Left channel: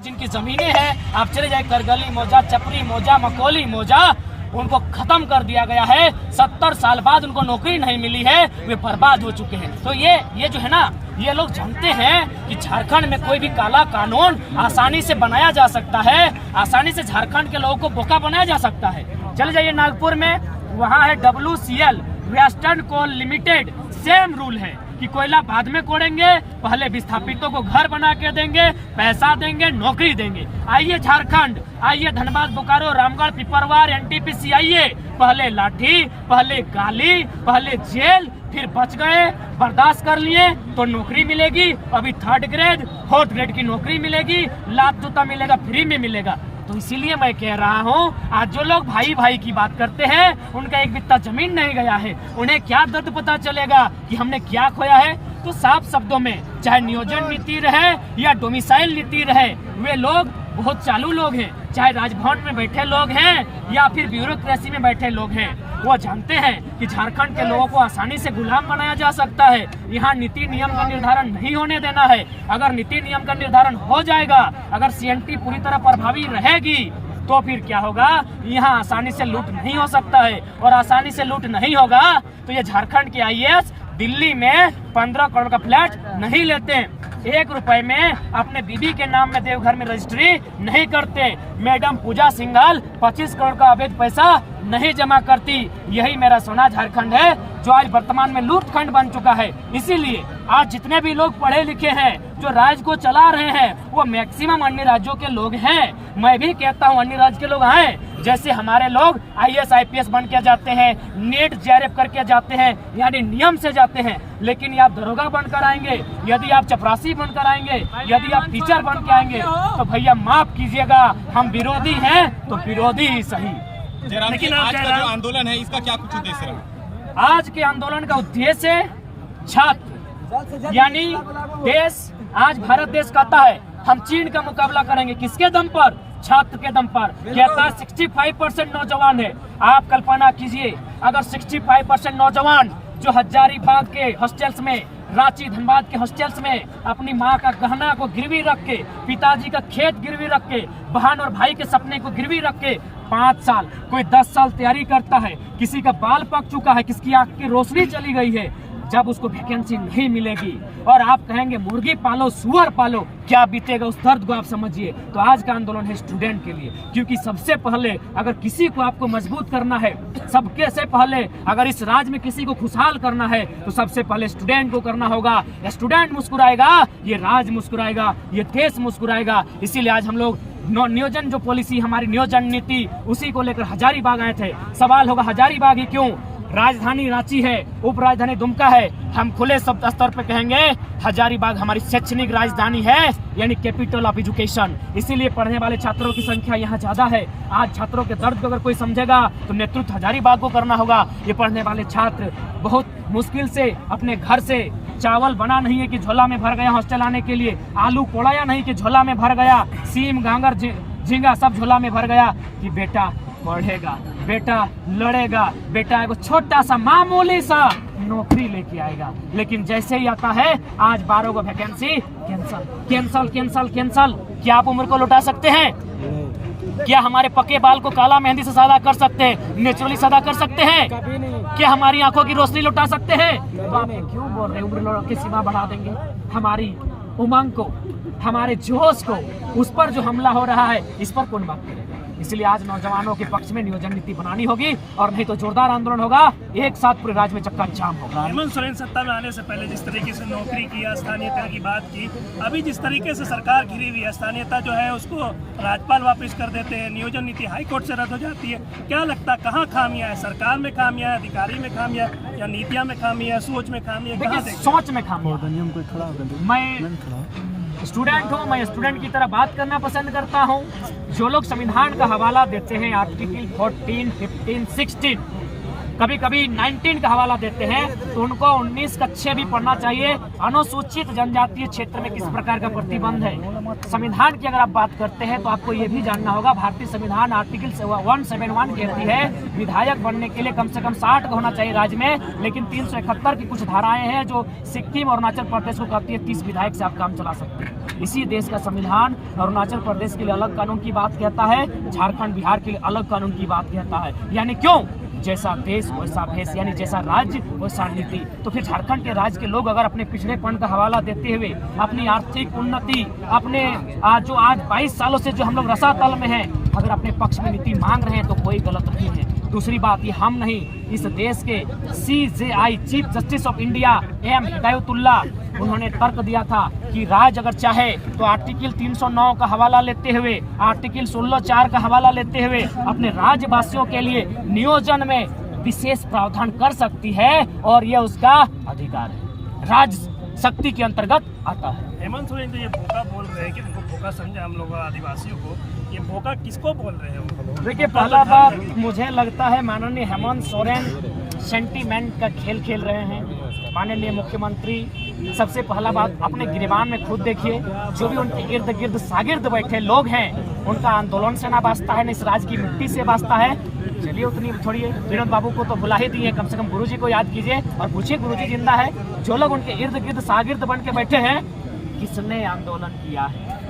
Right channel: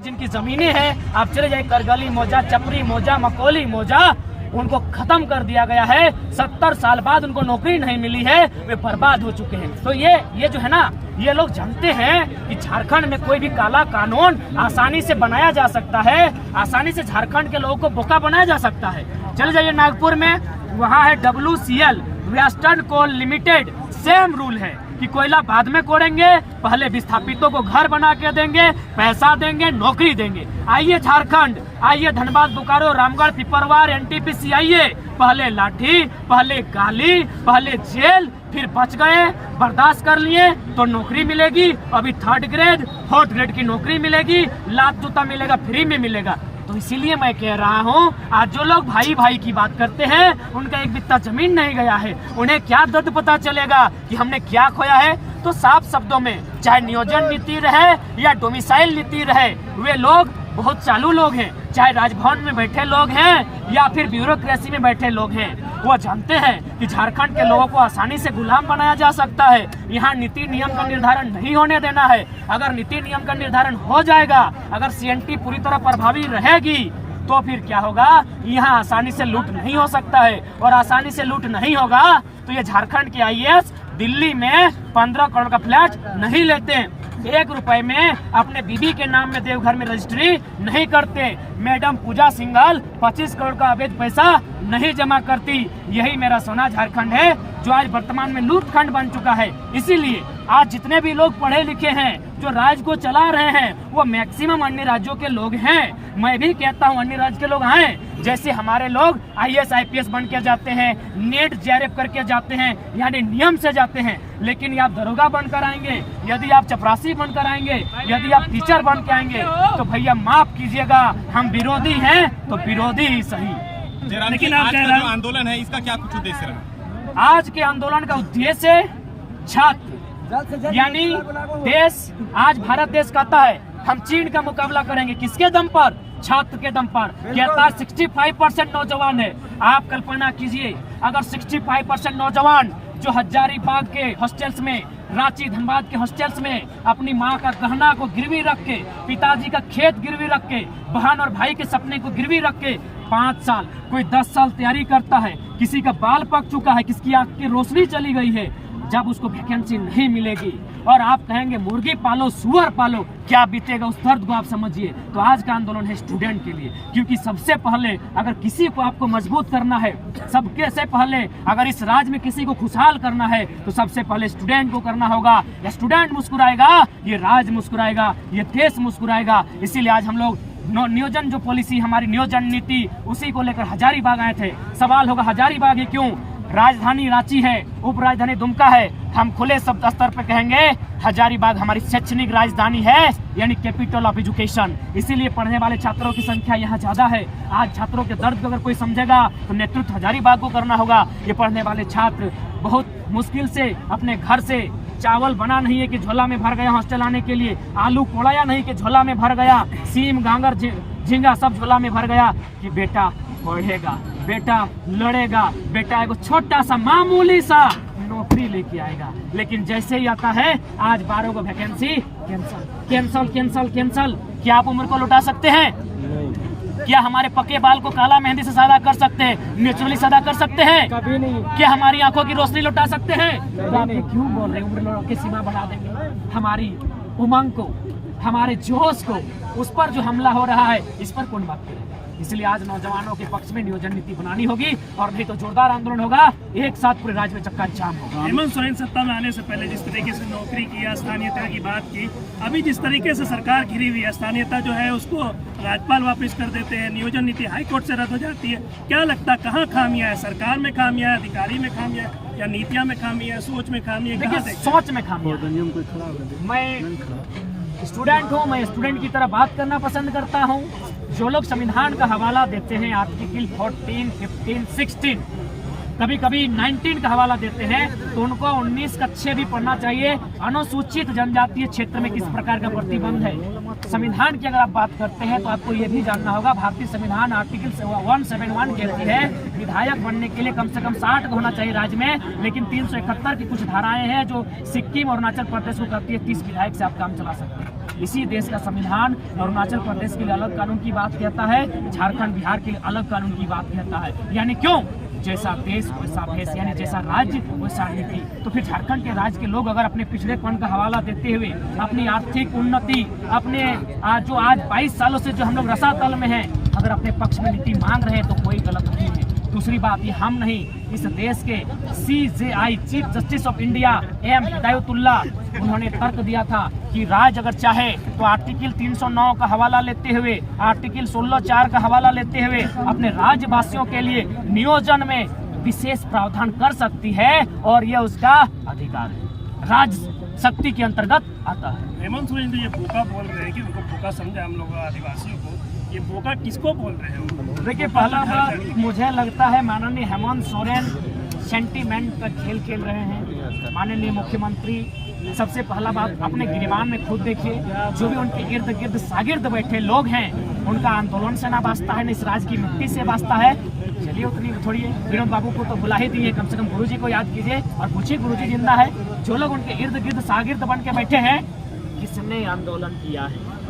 जिनकी जमीनें हैं, आप चले जाए करगली मौजा, चपरी मौजा, मकोली मौजा, उनको खत्म कर दिया गया है। 70 साल बाद उनको नौकरी नहीं मिली है, वे बर्बाद हो चुके हैं। तो ये जो है ना, ये लोग जानते हैं कि झारखंड में कोई भी काला कानून आसानी से बनाया जा सकता है, आसानी से झारखंड के लोगों को बोका बनाया जा सकता है। चले जाइए नागपुर में, वहाँ है WCL वेस्टर्न कोल लिमिटेड, सेम रूल है कि कोयला बाद में कोड़ेंगे, पहले विस्थापितों को घर बना के देंगे, पैसा देंगे, नौकरी देंगे। आइए झारखंड, आइए धनबाद, बोकारो, रामगढ़, पिपरवार, NTPC आइए, पहले लाठी, पहले गाली, पहले जेल, फिर बच गए, बर्दाश्त कर लिए तो नौकरी मिलेगी। अभी 3rd ग्रेड 4th ग्रेड की नौकरी मिलेगी, लात जूता मिलेगा, फ्री में मिलेगा। तो इसीलिए मैं कह रहा हूँ, आज जो लोग भाई भाई की बात करते हैं, उनका एक बित्ता जमीन नहीं गया है, उन्हें क्या दर्द पता चलेगा कि हमने क्या खोया है। तो साफ शब्दों में, चाहे नियोजन नीति रहे या डोमिसाइल नीति रहे, वे लोग बहुत चालू लोग हैं, चाहे राजभवन में बैठे लोग हैं या फिर ब्यूरोक्रेसी में बैठे लोग हैं, वो जानते हैं कि झारखंड के लोगों को आसानी से गुलाम बनाया जा सकता है। यहाँ नीति नियम का निर्धारण नहीं होने देना है। अगर नीति नियम का निर्धारण हो जाएगा, अगर CNT पूरी तरह प्रभावी रहेगी, तो फिर क्या होगा, यहाँ आसानी से लूट नहीं हो सकता है। और आसानी से लूट नहीं होगा तो ये झारखंड के IAS दिल्ली में 15 करोड़ का फ्लैट नहीं लेते, 1 रुपए में अपने बीबी के नाम में देवघर में रजिस्ट्री नहीं करते, मैडम पूजा सिंघल 25 करोड़ का अवैध पैसा नहीं जमा करती। यही मेरा सोना झारखंड है, जो आज वर्तमान में लूटखंड बन चुका है। इसीलिए आज जितने भी लोग पढ़े लिखे हैं, जो राज्य को चला रहे हैं, वो मैक्सिमम अन्य राज्यों के लोग हैं। मैं भी कहता हूँ अन्य राज्य के लोग आए, जैसे हमारे लोग IAS IPS बन के जाते हैं, नेट JRF करके जाते हैं, यानी नियम से जाते हैं। लेकिन आप दरोगा बनकर आएंगे, यदि आप चपरासी बनकर आएंगे, यदि आप टीचर बन के आएंगे, तो भैया माफ कीजिएगा, हम विरोधी हैं तो विरोधी ही सही। लेकिन आज का जो आंदोलन है, इसका क्या कुछ उद्देश्य रहा? आज के आंदोलन का उद्देश्य छात्र, यानी देश, आज भारत देश कहता है हम चीन का मुकाबला करेंगे, किसके दम पर? छात्र के दम पर। कहता है 65% नौजवान है। आप कल्पना कीजिए, अगर 65% नौजवान जो हजारीबाग के हॉस्टल्स में, रांची धनबाद के हॉस्टल्स में अपनी माँ का गहना को गिरवी रख के, पिताजी का खेत गिरवी रख के, बहन और भाई के सपने को गिरवी रख के 5 साल, कोई 10 साल तैयारी करता है, किसी का बाल पक चुका है, किसकी आंख की रोशनी चली गई है, जब उसको वैकेंसी नहीं मिलेगी और आप कहेंगे मुर्गी पालो, सुअर पालो, क्या बीतेगा उस दर्द को आप समझिए। तो आज का आंदोलन है स्टूडेंट के लिए, क्योंकि सबसे पहले अगर किसी को आपको मजबूत करना है, सबके से पहले अगर इस राज्य में किसी को खुशहाल करना है, तो सबसे पहले स्टूडेंट को करना होगा। स्टूडेंट मुस्कुराएगा, ये राज्य मुस्कुराएगा, ये देश मुस्कुराएगा। इसीलिए आज हम लोग नियोजन, जो पॉलिसी हमारी नियोजन नीति, उसी को लेकर हजारीबाग आए थे। सवाल होगा हजारीबाग ही क्यों? राजधानी रांची है, उप राजधानी दुमका है, हम खुले शब्द स्तर पर कहेंगे हजारीबाग हमारी शैक्षणिक राजधानी है, यानी कैपिटल ऑफ एजुकेशन। इसीलिए पढ़ने वाले छात्रों की संख्या यहाँ ज्यादा है। आज छात्रों के दर्द को अगर कोई समझेगा तो नेतृत्व हजारीबाग को करना होगा। ये पढ़ने वाले छात्र बहुत मुश्किल से अपने घर से चावल बना नहीं है कि झोला में भर गया हॉस्टल आने के लिए, आलू कोड़ाया नहीं कि झोला में भर गया, सीम गांगर झींगा सब झोला में भर गया कि बेटा पढ़ेगा, बेटा लड़ेगा, बेटा एगो छोटा सा मामूली सा नौकरी लेके आएगा। लेकिन जैसे ही आता है, आज 12 को vacancy cancel cancel cancel cancel. क्या आप उम्र को लौटा सकते हैं? क्या हमारे पक्के बाल को काला मेहंदी से सादा कर सकते हैं, नेचुरली सादा कर सकते हैं? कभी नहीं। क्या हमारी आंखों की रोशनी लौटा सकते हैं? तो आप ये क्यों बोल रहे हैं उम्र लौटा की सीमा बढ़ा देंगे? हमारी उमंग को, हमारे जोश को, उस पर जो हमला हो रहा है, इस पर कौन बात करेगा? इसलिए आज नौजवानों के पक्ष में नियोजन नीति बनानी होगी, और नहीं तो जोरदार आंदोलन होगा, एक साथ पूरे राज्य में चक्का जाम होगा। हेमंत सोरेन सत्ता में आने से पहले जिस तरीके से नौकरी किया, स्थानीयता की बात की, अभी जिस तरीके से सरकार घिरी हुई है, स्थानीयता जो है उसको राज्यपाल वापस कर देते हैं, नियोजन नीति हाईकोर्ट से रद्द हो जाती है। क्या लगता है कहाँ खामियां है? सरकार में खामियां है, अधिकारी में खामियां है, या नीतियां में खामियां है, सोच में खामियां है? देखिए, सोच में खामियां। मैं स्टूडेंट हूँ, मैं स्टूडेंट की तरह बात करना पसंद करता हूँ। जो लोग संविधान का हवाला देते हैं, आर्टिकल 14, 15, 16, कभी कभी 19 का हवाला देते हैं, तो उनको 19 कक्षा भी पढ़ना चाहिए। अनुसूचित जनजातीय क्षेत्र में किस प्रकार का प्रतिबंध है। संविधान की अगर आप बात करते हैं तो आपको ये भी जानना होगा, भारतीय संविधान आर्टिकल 171 कहती है विधायक बनने के लिए कम से कम 60 का होना चाहिए राज्य में, लेकिन 371 की कुछ धाराएं हैं जो सिक्किम और अरुणाचल प्रदेश को कहती है 30 विधायक से आप काम चला सकते हैं। इसी देश का संविधान अरुणाचल प्रदेश के लिए अलग कानून की बात कहता है, झारखंड बिहार के लिए अलग कानून की बात कहता है। यानी क्यों? जैसा देश वैसा भेष, यानी जैसा राज्य वैसा नीति। तो फिर झारखंड के राज्य के लोग अगर अपने पिछड़ेपन का हवाला देते हुए अपनी आर्थिक उन्नति, अपने जो आज 22 सालों से जो हम लोग रसातल में हैं, अगर अपने पक्ष में नीति मांग रहे हैं तो कोई गलत नहीं है। दूसरी बात, ये हम नहीं, इस देश के CJI chief justice of India M Hidayatullah, उन्होंने तर्क दिया था कि राज्य अगर चाहे तो आर्टिकल 309 का हवाला लेते हुए, आर्टिकल 16(4) का हवाला लेते हुए अपने राज्यवासियों के लिए नियोजन में विशेष प्रावधान कर सकती है, और यह उसका अधिकार है, राज्य शक्ति के अंतर्गत आता है। हेमंत सोरेन तो ये बोका बोल रहे हैं कि उनको बोका समझा हम लोग आदिवासियों को, ये बोका किसको बोल रहे हैं? देखिए, पहला बात मुझे लगता है माननीय हेमंत सोरेन सेंटीमेंट का खेल खेल रहे हैं। माननीय मुख्यमंत्री, सबसे पहला बात अपने गिरबान में खुद देखिए, जो भी उनके इर्द गिर्द शागिर्द बैठे लोग हैं, उनका आंदोलन से ना वास्ता है, न इस राज्य की मिट्टी से वास्ता है। चलिए उतनी छोड़िए, विनोद बाबू को तो बुला ही दिए, कम से कम गुरुजी को याद कीजिए और पूछिए गुरुजी जिंदा है। जो लोग उनके इर्द गिर्द शागिर्द बन के बैठे हैं, किसने आंदोलन किया है?